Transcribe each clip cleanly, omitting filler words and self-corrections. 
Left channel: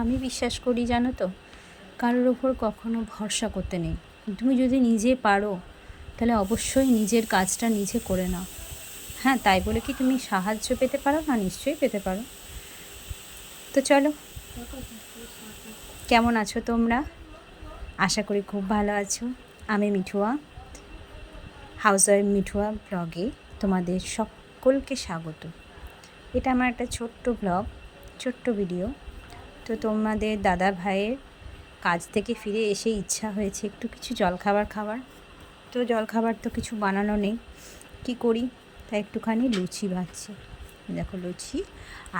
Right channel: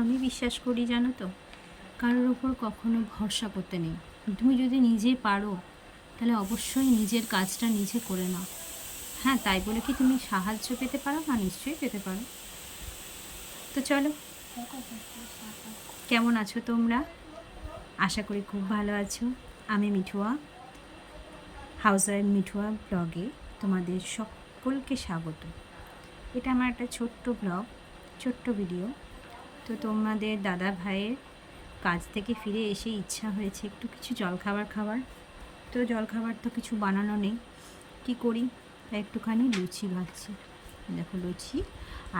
আমি বিশ্বাস করি জানো তো, কারোর ওপর কখনো ভরসা করতে নেই। তুমি যদি নিজে পারো তাহলে অবশ্যই নিজের কাজটা নিজে করে নাও। হ্যাঁ, তাই বলে কি তুমি সাহায্য পেতে পারো না? নিশ্চয়ই পেতে পারো। তো চলো, কেমন আছো তোমরা? আশা করি খুব ভালো আছো। আমি মিঠুয়া, হাউস ওয়াইফ মিঠুয়া ব্লগে তোমাদের সকলকে স্বাগত। এটা আমার একটা ছোট্ট ব্লগ, ছোট্ট ভিডিও। তো তোমাদের দাদা ভাইয়ের কাজ থেকে ফিরে এসে ইচ্ছা হয়েছে একটু কিছু জলখাবার খাবার। তো জলখাবার তো কিছু বানানো নেই, কি করি, তাই একটুখানি লুচি ভাজছি। দেখো লুচি।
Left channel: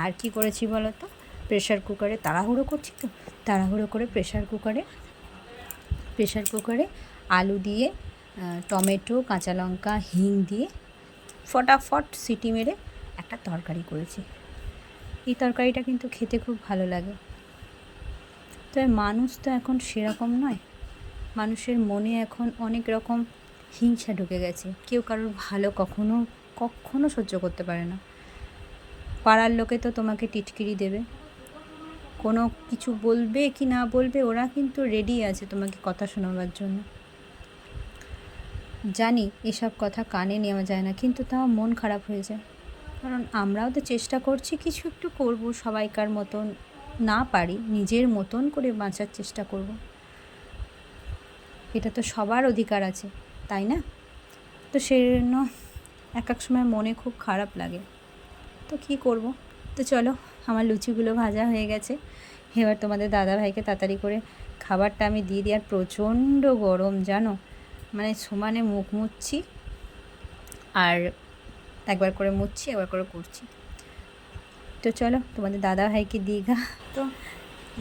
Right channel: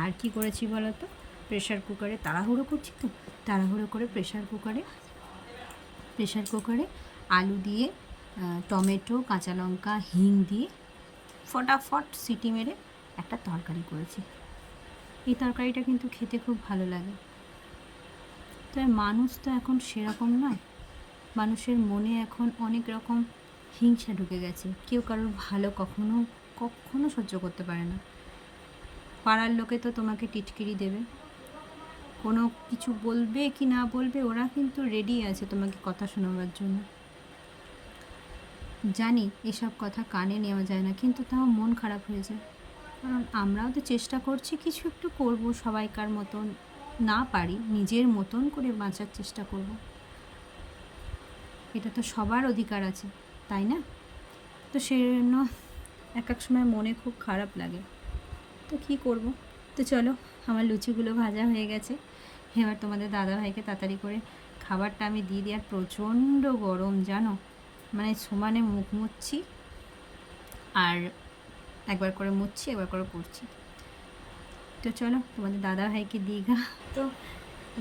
আর কি করেছি বলো তো, প্রেশার কুকারে তাড়াহুড়ো করছি তো, তাড়াহুড়ো করে প্রেশার কুকারে আলু দিয়ে টমেটো, কাঁচা লঙ্কা, হিং দিয়ে ফটাফট সিটি মেরে একটা তরকারি করেছি। এই তরকারিটা কিন্তু খেতে খুব ভালো লাগে। তবে মানুষ তো এখন সেরকম নয়। মানুষের মনে এখন অনেক রকম হিংসা ঢুকে গেছে। কেউ কারোর ভালো কখনো সহ্য করতে পারে না। পাড়ার লোকে তো তোমাকে টিটকিরি দেবে, কোনো কিছু বলবে কি না বলবে, ওরা কিন্তু রেডি আছে তোমাকে কথা শোনাবার জন্য। জানি এসব কথা কানে নেওয়া যায় না, কিন্তু তাও মন খারাপ হয়ে যায়। কারণ আমরাও তো চেষ্টা করছি কিছু একটু করব, সবাইকার মতন না পারি, নিজের মতন করে বাঁচার চেষ্টা করব। এটা তো সবার অধিকার আছে, তাই না? তো সেই জন্য এক সময় মনে খুব খারাপ লাগে। তো কী করব। তো চলো, আমার লুচিগুলো ভাজা হয়ে গেছে। এবার তোমাদের দাদাভাইকে তাড়াতাড়ি করে খাবারটা আমি দিয়ে দিই। আর প্রচণ্ড গরম জানো, মানে সমানে মুখ মুছছি, আর একবার করে মুছছি, একবার করে করছি। তো চলো তোমাদের দাদাভাইকে দিই গা। তো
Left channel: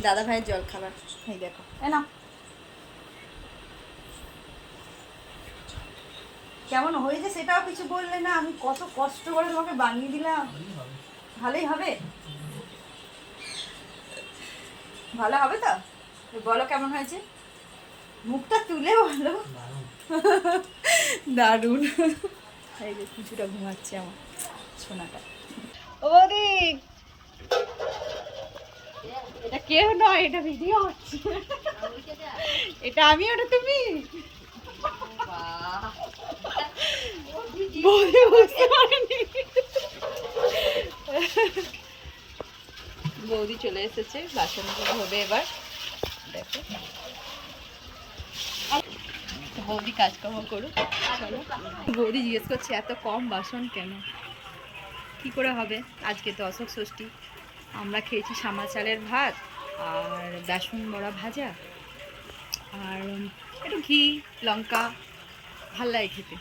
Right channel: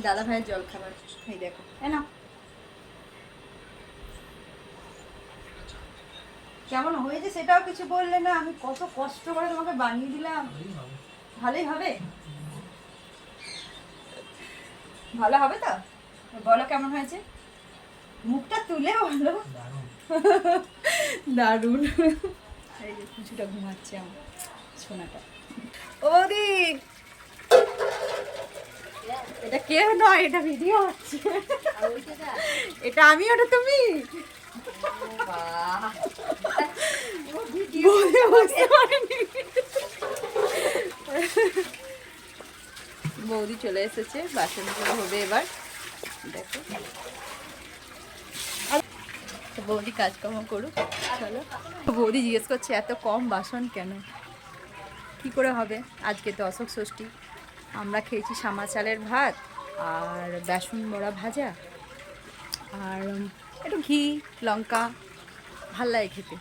দাদাভাইয়ের জল খাবার এই দেখো, না কেমন হয়েছে সেটাও কিছু বললে না। আমি কত কষ্ট করে তোমাকে বানিয়ে দিলাম। ভালোই হবে, ভালো হবে তো? বলো কেমন হয়েছে, মুখটা তুলে বলো। দারুণ। এই যে কিছুটা ঘুমাচ্ছে আমার সোনাটা। ও বৌদি, এটা কেউ নয়, এটা ভিডিও হচ্ছে। এটা আমি, ওটা তুমি। বৌদি বুঝতে পারেনি। বৌদি চলে এসেছে, বাসনগুলো হবে এবার। দেখো বৌদি কাজকর্ম করুক। চলো, বৌদি জিজ্ঞেস করছে এত কম বাসন কেন, কি করে হবে। আজকে তো অশোক ষষ্ঠী, আমরা খেয়েছি সামা চালের ভাত আর বেসন বড়া ভাজা আর একটু ঘি লঙ্কা, ভাল লাগে খেতে।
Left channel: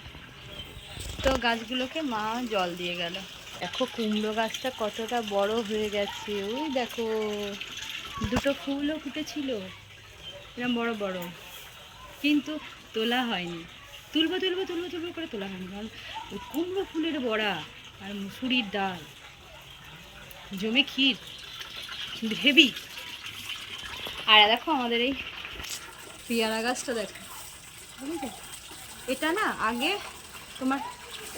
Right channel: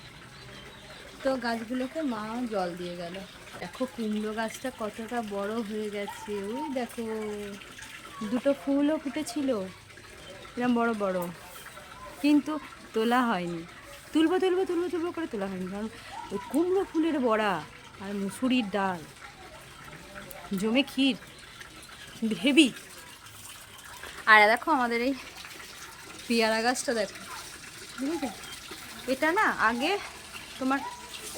তো গাছগুলোকে মা জল দিয়ে গেল। দেখো কুমড়ো গাছটা কতটা বড় হয়ে গেছে, ওই দেখো দুটো ফুলও ফুটেছিল এরকম বড় বড়, কিন্তু তোলা হয়নি। তুলবো তুলবো তুলবো তুলবো করে তোলা হয়নি, কারণ ওই কুমড়ো ফুলের বড়া আর মুসুরির ডাল জমে ক্ষীর হেভি। আর দেখো আমাদের এই পেয়ারা গাছটা দেখো, বুঝেছো? এটা না আগে তোমার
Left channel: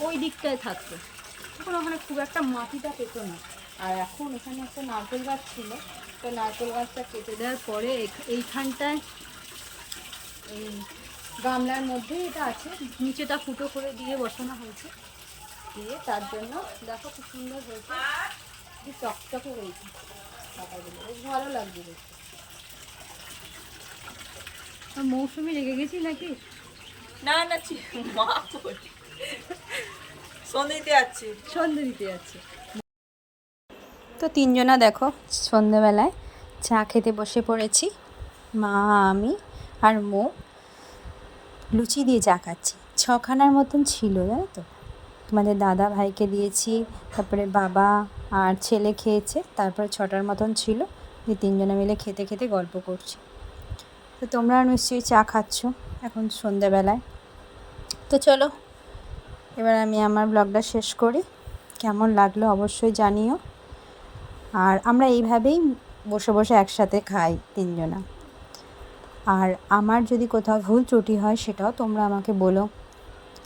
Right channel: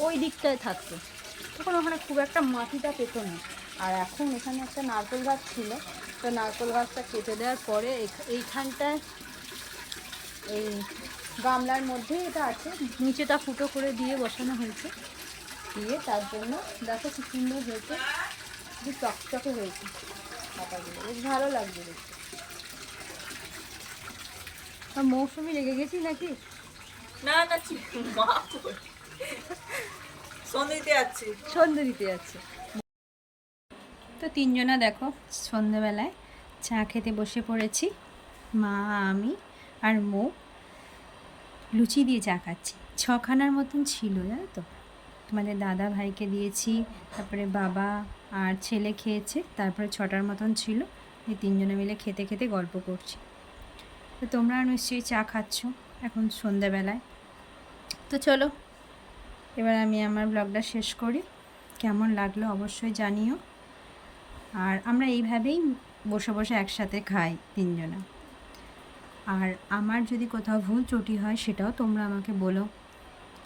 ওই দিকটায় থাকতো, তখন ওখানে খুব একটা মাটিটা পেতো না। আর এখন এখানে একটা নারকেল গাছ ছিল, তো নারকেল গাছটা কেটে দেওয়ার পরে এইখানটায় এই গামলার মধ্যে এটা আছে, নিচেটা ফুটো করে দিয়ে বসানো হয়েছে, দিয়ে তার জন্য দেখো খুব সুন্দর হয়েছে, খুব চকচকে হয়েছে পাতাগুলো, বেশ ভালো লাগছে দেখতে। মৌসুমি লেগে গেছি নাকি? না না, মা কই সন্ধে দিতে যাচ্ছে, সন্ধে দিতে যাচ্ছে। তো তিনজনা দেখো সন্ধেবেলায় চা খেতে বসে পড়েছি, মা আমি আর মৌ লুচি দিয়ে চা খাচ্ছি। 6খানার মতন ছিল জানো তো, তোমাদের দাদা ভাইকে দিয়েছি, তারপরে বাবা আর ছেলে খেয়েছে, তারপরে 6টার মতন ছিল। এই তিনজনে মিলে খেতে খেতে গল্প করছি। তো তোমরা নিশ্চয়ই চা খাচ্ছ এখন সন্ধ্যাবেলায়। তো চলো এবার আমি আমার ব্লগটা শেষ করি। কেমন লাগলো অবশ্যই জানিও। আর আমরা এইভাবেই বসে বসে একসাথে খাই তিনজনা। আর আমার যদি কোথাও ভুল ত্রুটি হয় সেটাও তোমরা আমাকে বলো,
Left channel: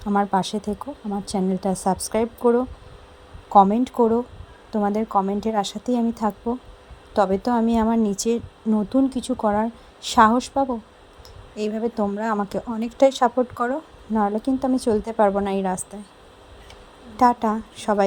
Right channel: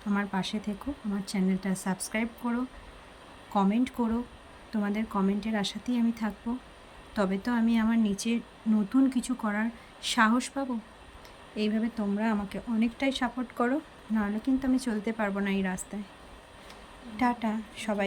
আমার পাশে থেকো, আমার চ্যানেলটা সাবস্ক্রাইব করো, কমেন্ট করো, তোমাদের কমেন্টের আশাতেই আমি থাকবো। তবে তো আমি আমার নিচে নতুন কিছু করার সাহস পাবো। এইভাবে তোমরা আমাকে অনেকটাই সাপোর্ট করো, নাহলে কিন্তু আমি চলতে পারবো না এই রাস্তায়। টাটা সবাই।